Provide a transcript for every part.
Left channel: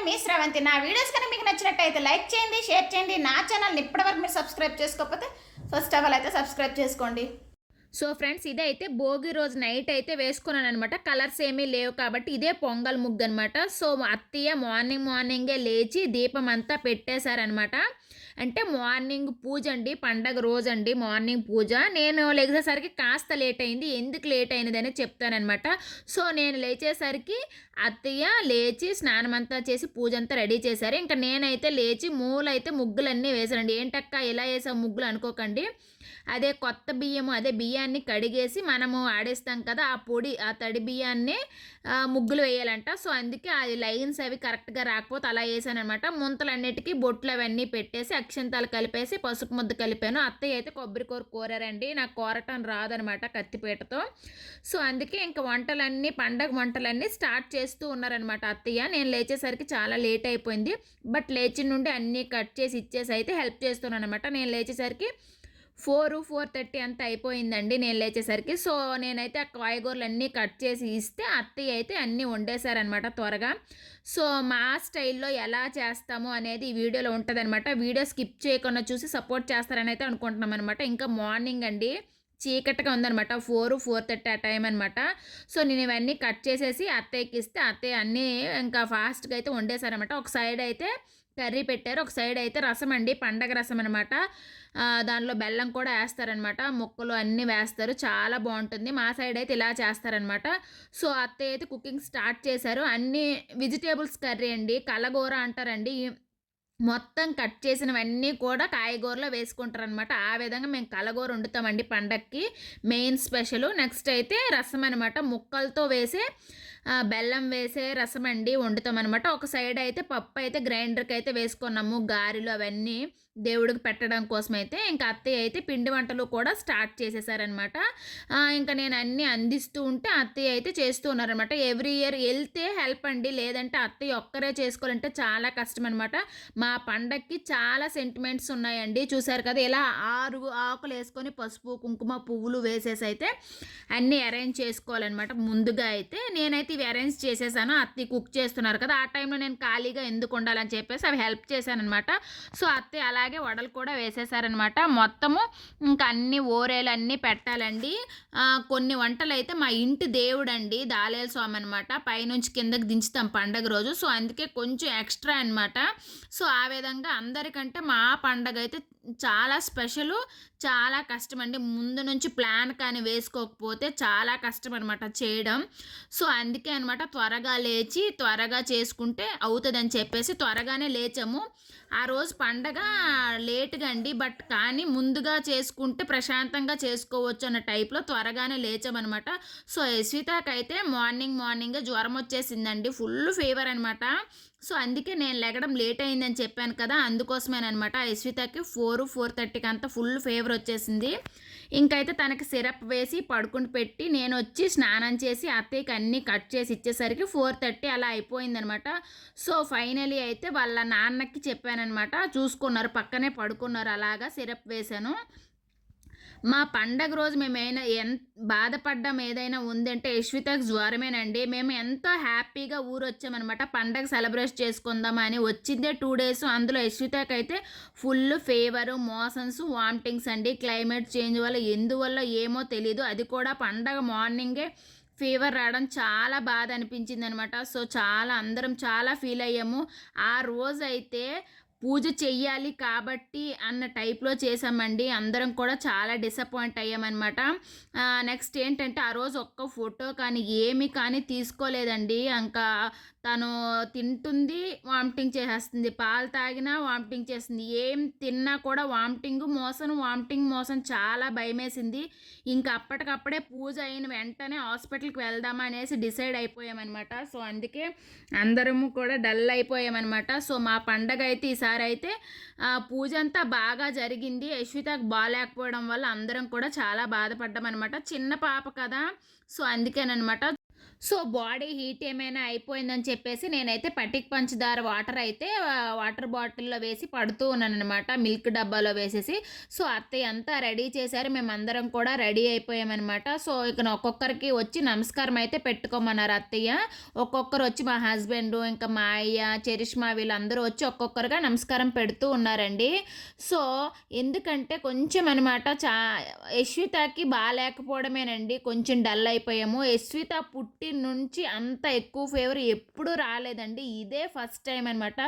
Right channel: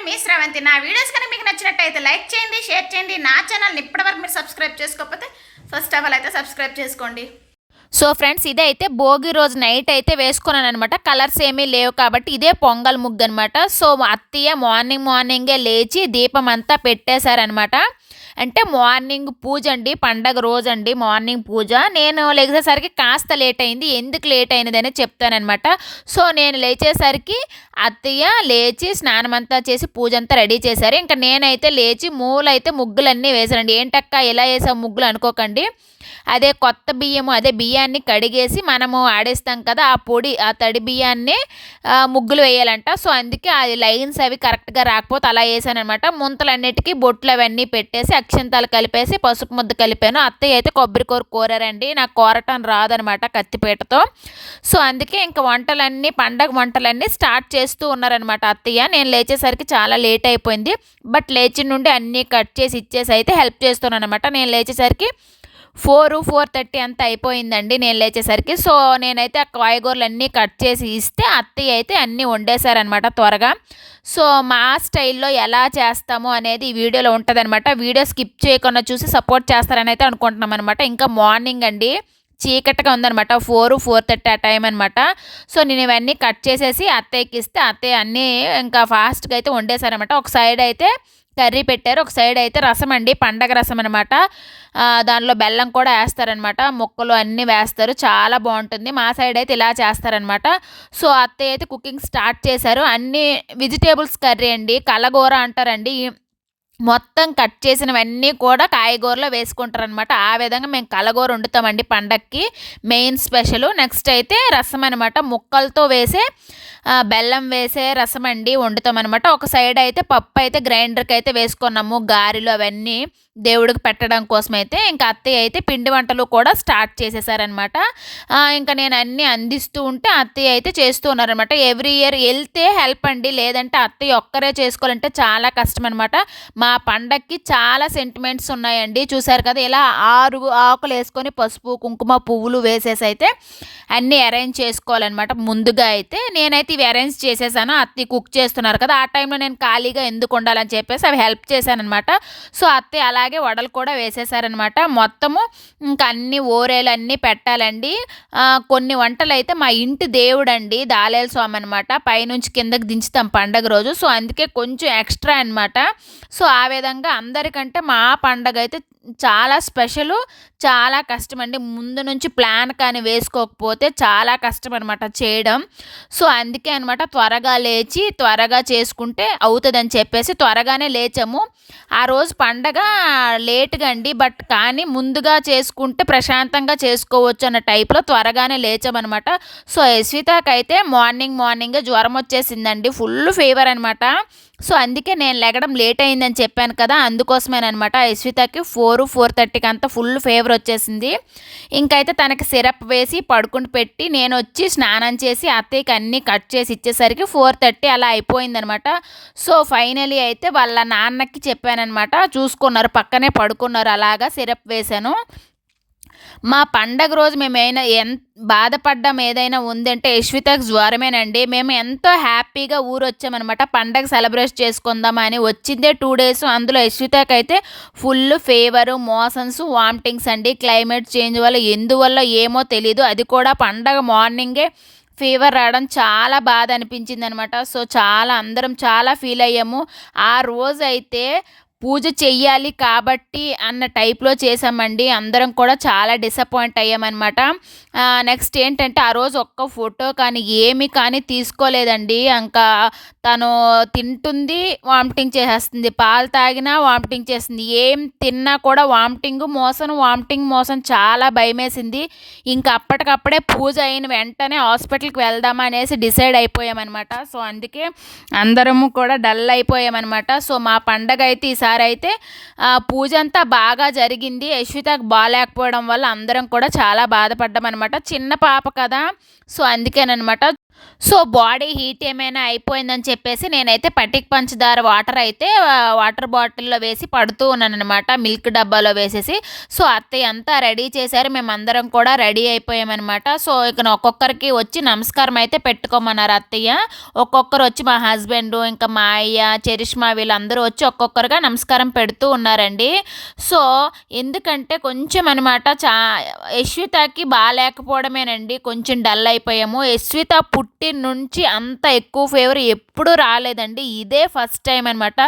నేను మీ శ్రవంతి. నా వీడియోస్ కనుక మీకు నచ్చినట్టయితే లైక్ చేయండి, షేర్ చేయండి. నా ఛానల్ని ఇప్పటివరకు మీరు సబ్స్క్రైబ్ చేసుకోకపోతే ఫస్ట్ ఆఫ్ ఆల్ అయితే సబ్స్క్రైబ్ చేసుకోండి. సో ఫ్రెండ్స్, ఇదే అయితే భోగి రోజు నైట్ అయితే వేసుకున్నాను అనమాట. కలర్స్ ఏమీ లేవు కాబట్టి ఇదే పొంగల్ ముగ్గు అనమాట. సో అత్తయ్య మార్నింగే లేచి దీపం అంతా పెట్టేశారనమాట. అంటే మార్నింగ్ పూజ అండి, పండగ రోజు అండి మార్నింగ్ పూజ. నేను లేచేసరికి కాస్త లేట్ అయింది. ఎందుకు లేట్ అయినదని చెప్తానమాట. సో నేను లేచేసరికి అత్తయ్య లేచి స్నానం అంతా చేసి పూజ అంతా రెడీ చేశారు. ఇంకా నేనైతే లేచి మూలైతే ముగ్గులన్నీ వేశానండి. ఏంటక్క ఎలా వేసావు ముగ్గులు అనుకోకండి, అదే కొత్త బియ్యము, అదే బియ్యాన్ని కడిగేసి మనము ఆడేస్తాం కదా, ఆ పొడి, ఆ తడి బియ్యాన్ని ముగ్గులు వేయాలంట. సో అందుకే ఆ లైన్స్ అవి కరెక్ట్గా రాకపోతే అలా వేసానమాట. ముంతలన్నిటికీ బొట్లు అవన్నీ పెట్టేసి అక్షంతాలు కలిపేసి పసుపు ముద్ద కలిపాను. అత్తయ్య అయితే కొబ్బరికూర కోరారండి. నాకు కోరటం రాదనమాట కత్తిపీటతో. సో అందుకే ఇంకా పండగ వంటలన్నీ స్టార్ట్ చేస్తూ ఉన్నారనమాట అత్తయ్య. నేను లేచేసరికి చాలా లేట్ అయిపోయింది. బట్ లేచి నుండి అన్నీ కట్ చేసి ఇచ్చేసి అయితే హెల్ప్ చేస్తున్నాను అనమాట. నేను లేచేసరికి 4:30 అంతా అయిపోయిందండి నేను లేచేసరికి. సో నేనైతే ఆ కాయగూరలు అన్నీ కట్ చేసి ఇస్తే అత్తయ్య అయితే అన్నీ వండేశారనమాట త్వరగా. సో మా స్టైల్లో ఎలా చేస్తాము అనేది ఈ వీడియోలో ఉంటుందన్నమాట. వీడియో స్కిప్ చేయకుండా చూసి సపోర్ట్ చేస్తారని అయితే అనుకుంటున్నాం అనమాట. ఇంకా మార్నింగ్ అండి, చీకటిగా ఉందనమాట. 4:30 ఆ టైం అనమాట. సో నేను ఇవన్నీ కట్ చేసేసి అత్తయ్యకి ఇస్తే అత్తయ్య అన్నీ ఇంకా ఫాస్ట్గా అయితే వండేశారనమాట. ఒక సైడ్ అయితే కర్రీ పెట్టారు, ఒక సైడ్ అయితే రసం అండి, పండగ రసం అనమాట. దానిలో బెల్లం కూడా వేస్తారనమాట, ముక్కలు అన్నీ వేస్తారు, చాలా బాగుంటుంది. మా సైడ్ అయితే ఇలా చేస్తారనమాట. సో అత్తయ్య అయితే కుకింగ్ స్టార్ట్ చేశారు. అన్ని వెజిటేబుల్స్ కర్రీ అండి, కలగూర అంటారండి. మొత్తం కట్ చేసినవన్నీ కూడా కాయగూరలో వేసుకుంటారనమాట. ఆ విధంగా మేము కలగూర వండుతామండి పండక్కి, మెయిన్ స్పెషల్. నెక్స్ట్ అయితే రసం అనమాట, ముక్కలతో వేసే బెల్లం వేసే రసం అండి వండుతామన్నమాట. ఒక సైడ్ అయితే పప్పు అయితే గ్రైండర్కి అయితే వేసుకున్నాము, గారెలు అవన్నీ దేవుడికి పెట్టడం కోసం అయితే. ఇంకా అత్తయ్య అయితే పిండి వంటలు కూడా స్టార్ట్ చేసేసారనమాట. ఇంకా నేను అన్నీ అందిస్తూ ఉంటే అత్తయ్య అయితే చేస్తూ ఉన్నారనమాట. ఎవ్రీ ఇయర్ వెళ్తే హెల్ప్ అండి, లేదంటే అత్తయ్య ఒక్కరే చేసుకోవాలంటే చాలా కష్టం అనమాట. మా పండక్కి చాలా సెంటిమెంట్స్ ఉన్నాయండి. చూసారు కదా, ఇలా 6 ఆకులు వేసుకొని పసుపు కుంకుమ పువ్వులు వేసేసి అయితే అన్నీ అరేంజ్ చేసుకోవాలన్నమాట. ముందుగా అయితే నేనైతే ఇవి అరేంజ్ చేసేసాను. అత్తయ్య కుక్ చేస్తున్నారు కదా, ఆ టైంలో నేను ఖాళీగా ఎందుకు ఉండాలని చెప్పేసి అవి హెల్ప్ చేశానమాట. సో అత్తయ్య అలాగే వడలు కూడా వేసేసారనమాట. మొత్తము ఇంకా అన్ని ఓరేలు అన్నీ పెట్టాలండి. కొన్ని వంటలు అయితే మా ఇంటి దేవుడు అండి, దాలేల స్వామి అనమాట, పైనుంచి కిందకి దించుతాం పండగ రోజు. సో అందుకే కొంచెం ఎక్స్ట్రా అనమాట. సో ఆ విధంగా అందరికంటే మా పండగ అయితే చాలా స్పెషలు, చాలా కష్టం అండి. ముందు నుంచి ప్లాన్ కానీ వేసుకోకపోతే చాలా కష్టం అనమాట చేయడం. సో అందుకే అనమాట త్వరగా లేచి త్వరగా చేసుకుంటే అవుతుందని చెప్పేసి త్వరగానే లేచాము. ఆ రోజు పండగ లేట్గా అండి, బట్ కానీ ముందుగా చేసుకుంటే ప్రశాంతంగా చేసుకోవచ్చు అన్న టైప్లో త్వరగానే లేచామన్నమాట. సో యశ్వితకైతే మార్నింగే జ్వరం వచ్చేసిందండి, ఫుల్ ఫీవర్ అనమాట. సో అందుకే నేను లెగడం లేట్ అయిందని చెప్పాను కదా, అందుకోసమేనమాట. యశ్వితకి 4:30కి అంతా ఫుల్ ఫీవర్ వచ్చేసింది. ఇంకైతే తనకి సిరప్ వేసి పడుకుని పెట్టి నేను వచ్చి స్నానం చేసి అత్తయ్యకి అన్నీ కట్ చేసి ఇచ్చేసరికి 4:30 అలా అయిపోయిందనమాట. సో ఫైనలీ అయితే వాళ్ళ నాన్నకి చెప్పానమాట, చూసుకున్నారు, పక్కనే పడుకున్నారు, అలాగా సిరప్ వేశాను. మా పండగ రోజు మేము బాధపడ్డం ఏదైనా ఉందంటే యశ్వితకు జ్వరమేనండి. మేము ఎంతో హ్యాపీగా ఊరు వచ్చామన్నమాట, పండగ సెలబ్రేట్ చేసుకుందామని. వచ్చిందే 2 డేస్, అందులో యశ్వితకు అయితే ఫుల్ ఫీవరు, మోషన్స్, వామిటింగ్స్ అండి. క్లైమేట్ చేంజ్ వల్ల ఎందువల్ల ఏమో తెలీదు, అది కూడా పండగ మార్నింగే ఫీవర్ రావడం చాలా బాధ అనిపించింది అనమాట. సో అందరం చాలా ఫీల్ అయ్యాము. ఆ రోజు అయితే పూజ చెయ్యాలి కాబట్టి అన్న టైప్లో చేసామండి. అందరం కూడా చాలా డిసప్పాయింట్ అయ్యామన్నమాట. నెక్స్ట్ ఏంటంటే ఆ రోజు ఒక్క ఫోటో కానీ ఏమి కానీ తీసుకోలేదండి. ఇంకా తను తింటుంది, వామిటింగ్ చేసేస్తుంది, పాలు తాగినా వామిటింగ్ చేస్తుంది, ఏం తిన్నా కూడా వామిటింగ్ మోషన్, చాలా భయమేసింది. ఇంకా అప్పటికప్పుడే పూజ అయిన వెంటనే హాస్పిటల్కి వెళ్దామా అనేసి డిసైడ్ అయిపోయామన్నమాట. సో అందుకే అందరము కూడా డల్ అయిపోయామన్నమాట. సో మా పండగ అయితే ఈసారి అయితే పూజ అంతా బాగా జరిగింది. యశ్వితకు బాగాలేకపోవడం వల్ల అందరం కూడా చాలా బాధపడ్డాం అనమాట. చిన్న పాప కదా, సో అందుకేనమాట. సో బాడీ హీట్ ఏమైనా అయిపోయిందని చెప్పేసి నేనైతే పటిక్ పంచదార వాటర్ బాటిల్లో వేసి పడుతూ ఉన్నానన్నమాట, మిల్క్ డబ్బాలో వేసేసి. సో అత్తయ్య అంతా రెడీ చేశారు, మేమందరం కూడా రెడీ అయిపోయామన్నమాట. సో ఇక ఒక్కొక్కరికి వచ్చి నమస్కారం అయితే పెట్టుకోమన్నారు అత్తయ్య. ఒక్కొక్కరు వచ్చి మా హస్బెండ్, ఇంకా మా అయ్య, చరిష్మా వీళ్ళందరూ వచ్చి ఒక్కొక్కరుగా నమస్కారం పెడుతూ ఉన్నారండి. సో ఎందుకంటే కొంచెం అనమాట యశ్వితకి బాగాలేకపోవడమేనండి, కొంచెం డల్ అయిపోయాము. యశ్విత పుట్టి నుంచి అంత ఎక్కువ ఫీవర్ ఎప్పుడూ రాలేదండి, ఇదే ఫస్ట్ టైం అనమాట.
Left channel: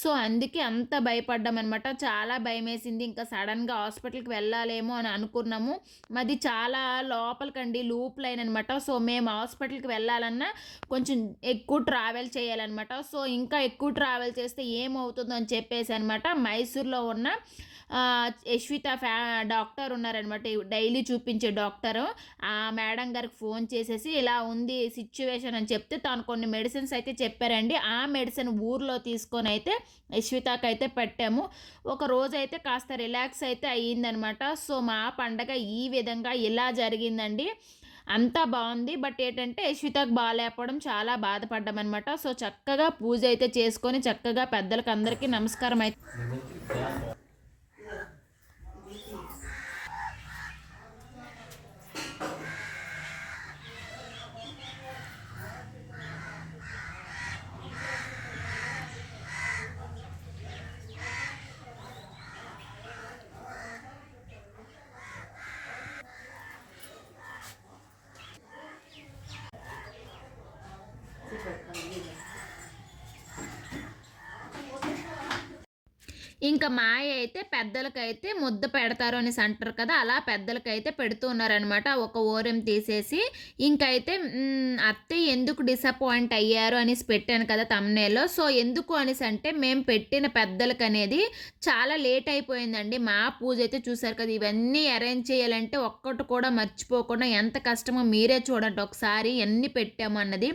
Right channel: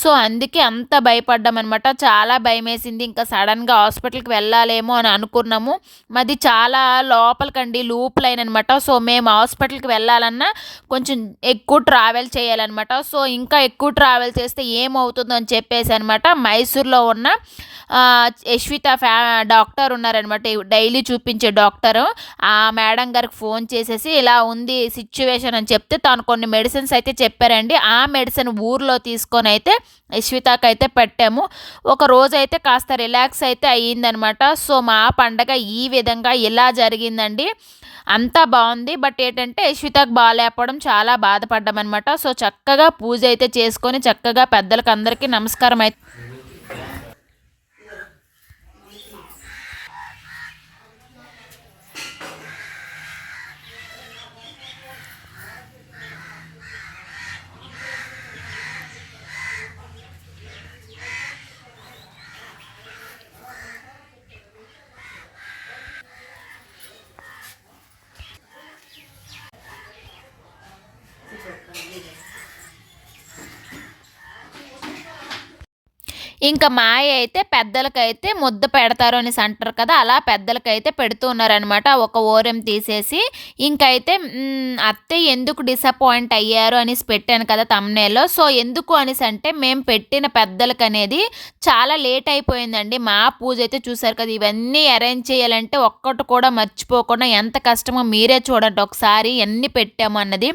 సో అందుకే అంత భయపడ్డామన్నమాట, చాలా భయమేసింది. ఇంకా సడన్గా హాస్పిటల్కి వెళ్ళాలేమో అని అనుకున్నాము. మాది చాలా లోపలికండి, లూప్ లైన్ అనమాట. సో మేము హాస్పిటల్కి వెళ్ళాలన్నా కొంచెం ఎక్కువ ట్రావెల్ చేయాలన్నమాట. సో ఇంకా ఎక్కువ ట్రావెల్ చేస్తే ఏమవుతుందో అని చెప్పేసి అనమాట మైసూర్లో ఉన్న యశ్విత డాక్టర్ ఉన్నారనమాట, డైలీ చూపించే డాక్టరు. ఆ మేడం గారికి ఫోన్ చేసేసి ఇలా ఉంది సిచ్యువేషన్ అని చెప్తే తను కొన్ని మెడిసిన్స్ అయితే చెప్పారండి. ఆ మెడిసిన్ ఊర్లో తీసుకొని అయితే యశ్వితకి అయితే పెట్టాము. ఒక రోజు అయితే కాస్త రిలాక్స్ అయితే అయ్యిందనమాట. సో మా పండగ ఈ విధంగా ఇలా జరిగిందండి, అంతా బాగుంది. బట్ ఏంటంటే యశ్వితకు బాగాలేకపోవడం చాలా బాధపడ్డామన్నమాట. సో చక్కగా పూజ అయితే చేసుకొని చక్కగా పెద్దలకు అందరికీ నమస్కారం అయితే ఇంకా మాయ అయితే పెద్దలకైతే ముద్ద పెడతారు అనేసి అంటారు కదా, అలా పెద్దలకైతే పెడుతూ ఉన్నారనమాట ఒక ఓరం తీసేసి. ఇంకైతే అత్తయ్య ఎందుకు డిసప్పాయింట్ అయ్యారు అనేసి పెట్టాను కదా తమ్నేల్లో. సో ఎందుకు అనేసి అంటే మేము పెట్టిన పెద్దలకు అనేది చాలా లేట్ అయిపోయిందండి. మా పూజ అయితే చూసారు కదా, ఇవన్నీ అరేంజ్ చేయాలంటే ఒక్కటి కూడా మర్చిపోకుండా ఎంత కష్టమో మీరే చూడండి ఒకసారి ఎన్ని పెట్టాము అన్నది.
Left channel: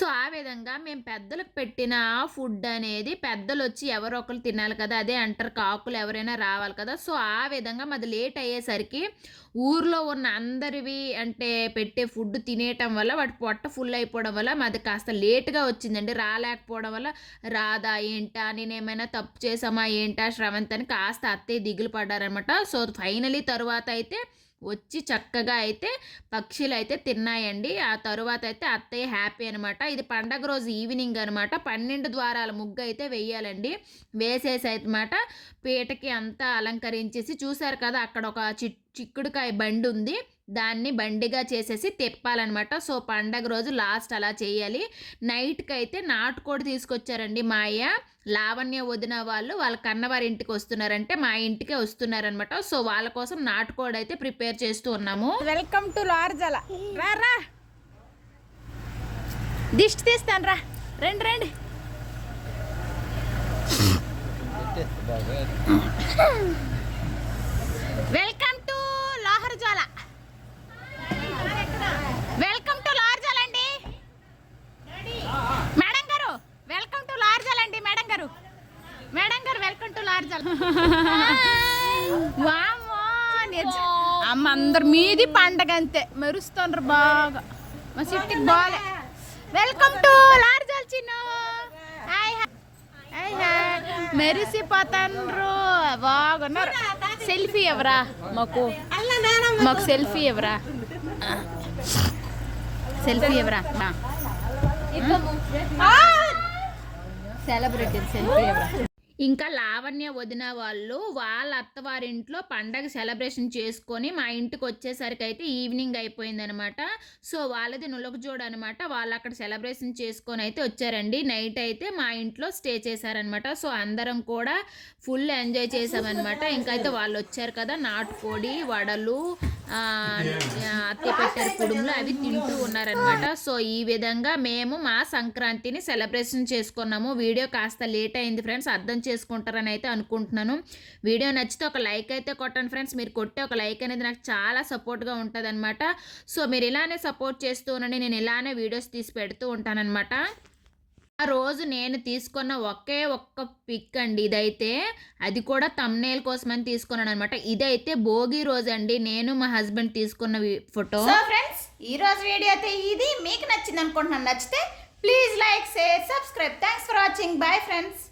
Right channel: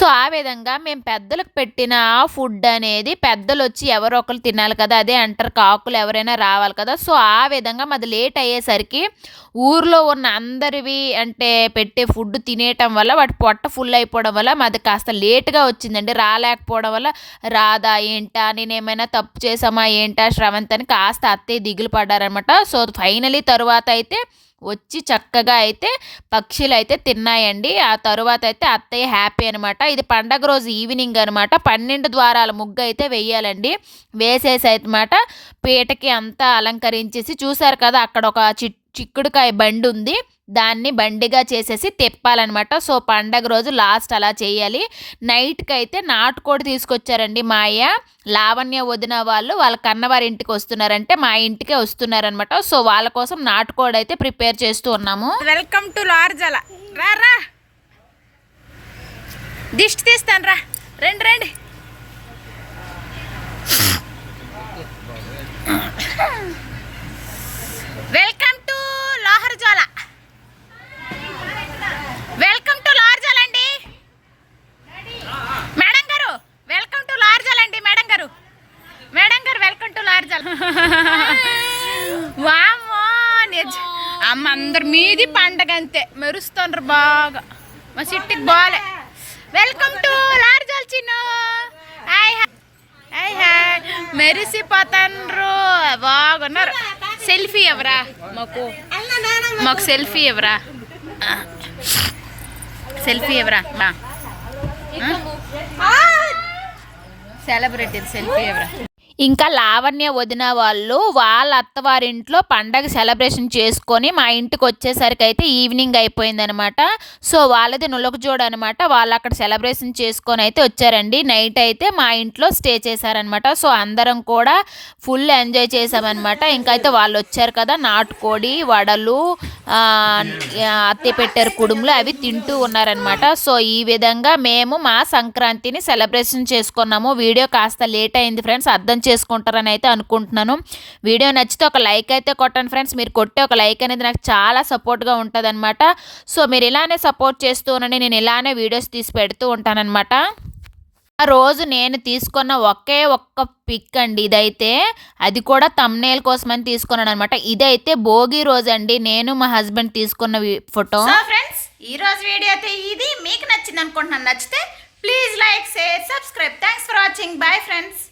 సో ఆ విధంగా మేము పెద్దలకు పెట్టిన ఫుడ్ అనేది పెద్దలు వచ్చి ఎవరో ఒకరు తినాలి కదా, అదే అంటారు కాకులు ఎవరైనా రావాలి కదా. సో ఆ విధంగా మాది లేట్ అయ్యేసరికి ఊర్లో ఉన్న అందరివి అంటే పెట్టే ఫుడ్ తినేయటం వల్ల వాటి పొట్ట ఫుల్ అయిపోవడం వల్ల మాది కాస్త లేట్గా వచ్చిందండి. రాలేకపోవడం వల్ల రాదా ఏంటా, నేనేమైనా తప్పు చేసామా ఏంటా శ్రవంత్ అని కాస్త అత్తయ్య దిగులు పడ్డారనమాట. సో ఫైనలీ తరువాత అయితే వచ్చి చక్కగా అయితే పక్షులు అయితే తిన్నాయండి. ఆ తరువాత అయితే అత్తయ్య హ్యాపీ అనమాట. ఇది పండగ రోజు ఈవినింగ్ అనమాట. 12 ద్వారాల ముగ్గు అయితే వేయాలండి. వేసేసి అనమాట పీటకి అంతా అలంకరించేసి చూసారు కదా, అక్కడ ఒక చిక్కుడుకాయ బండి ఉంది, దాన్ని బండిగా చేసేసి తిప్పాలన్నమాట. సో పండగ రోజు లాస్ట్ అలా చేయాలి. నైట్కి అయితే నాటుకోడి తీసుకొచ్చారండి మా అయ్య. లావణ్య వదిన వాళ్ళు వాళ్ళ కన్నవారి ఇంటికి వస్తున్నారంటే మా ఇంటికే వస్తున్నారనమాట. సో వాళ్ళ కోసం నాటుకోడి అయితే ప్రిపేర్ చేస్తూ ఉన్నాము. Welcome to Larjala. రా రా దిష్టి తీస్తాను, రా రండి రండి. Welcome to Loharjala, welcome to Larjal అండి మేడం గారు, వెల్కమ్ టు లార్జల్ అండి మేడం గారు, మేడం గారు వెల్కమ్ టు లార్జల్. వామ్మో అమ్మ అందరు మీది పండగ అంతే మెరుస్తుండ్రు బాగా, మా సిట్టికి బాలే. Welcome to Larjal Chinnu, hi hi hi, మెరిసిపోతాండ్రు బాగున్నారు. సెల్ఫీ ఎవరా మాకు సెల్ఫీ ఎవరా, సెల్ఫీ ఎవరా సెలబ్రిటీ సెల్ఫీ ఎవరా. ఇంకా లావణ్య వదిన వాళ్ళు వాళ్ళ అత్తవారింట్లో పండగ సెలబ్రేషన్ చేసుకొని మా ఇంటికి వచ్చేసరికి అయితే ఈవినింగ్ అయిపోయిందనమాట. సో వాళ్ళది నులకజోడు అనమాట, వాళ్ళు అక్కడ సెలబ్రేషన్ చేసుకొని అయితే వచ్చారండి. నైట్ అయితే మా ఇంట్లో స్టే చేశారనమాట. సో అందరం కూడా ఫుల్ ఎంజాయ్ చేసామన్నమాట. ఇంకైతే వాళ్ళు వచ్చారు కదా, నాటుకోడి వడలు అత్తే పెట్టారు కుడుములు అవి తింటూ ఉన్నారనమాట. సో ఈ విధంగా మేము మా సంక్రాంతిని సెలబ్రేషన్ చేసుకున్నాము. వీడియో కాస్త లేట్ అయింది ఫ్రెండ్స్, అర్థం చేసుకుంటారని అయితే అనుకుంటున్నాను. వీడియో నచ్చితే ఒక లైక్ అయితే కొట్టండి ఫ్రెండ్స్. మీరు కొట్టే ఒక లైక్ అనేది నాకు చాలా సపోర్ట్గా ఉంటుంది అనమాట. సో మీరు ఇలానే సపోర్ట్ చేస్తూ ఉండండి, నేను ఇలానే వీడియోస్ తీసి పెడుతూ ఉంటానన్నమాట. ఆ రోజు నేను తీసుకున్న ఒకే ఒక్క పిక్ అండి ఇదైతే. అది కూడా థంబ్‌నెయిల్ కోసమని తీసుకున్నాను అనమాట. ఇదైతే భోగి రోజు అండి నేను మా హస్బెండ్ తీసుకున్న ఫోటో. సో ఫ్రెండ్స్ ఈ రోజు వీడియో అయితే ఇది మీకు నచ్చింది అనుకుంటున్నాను. నచ్చితే please like share subscribe. Thanks for watching. Bye friends.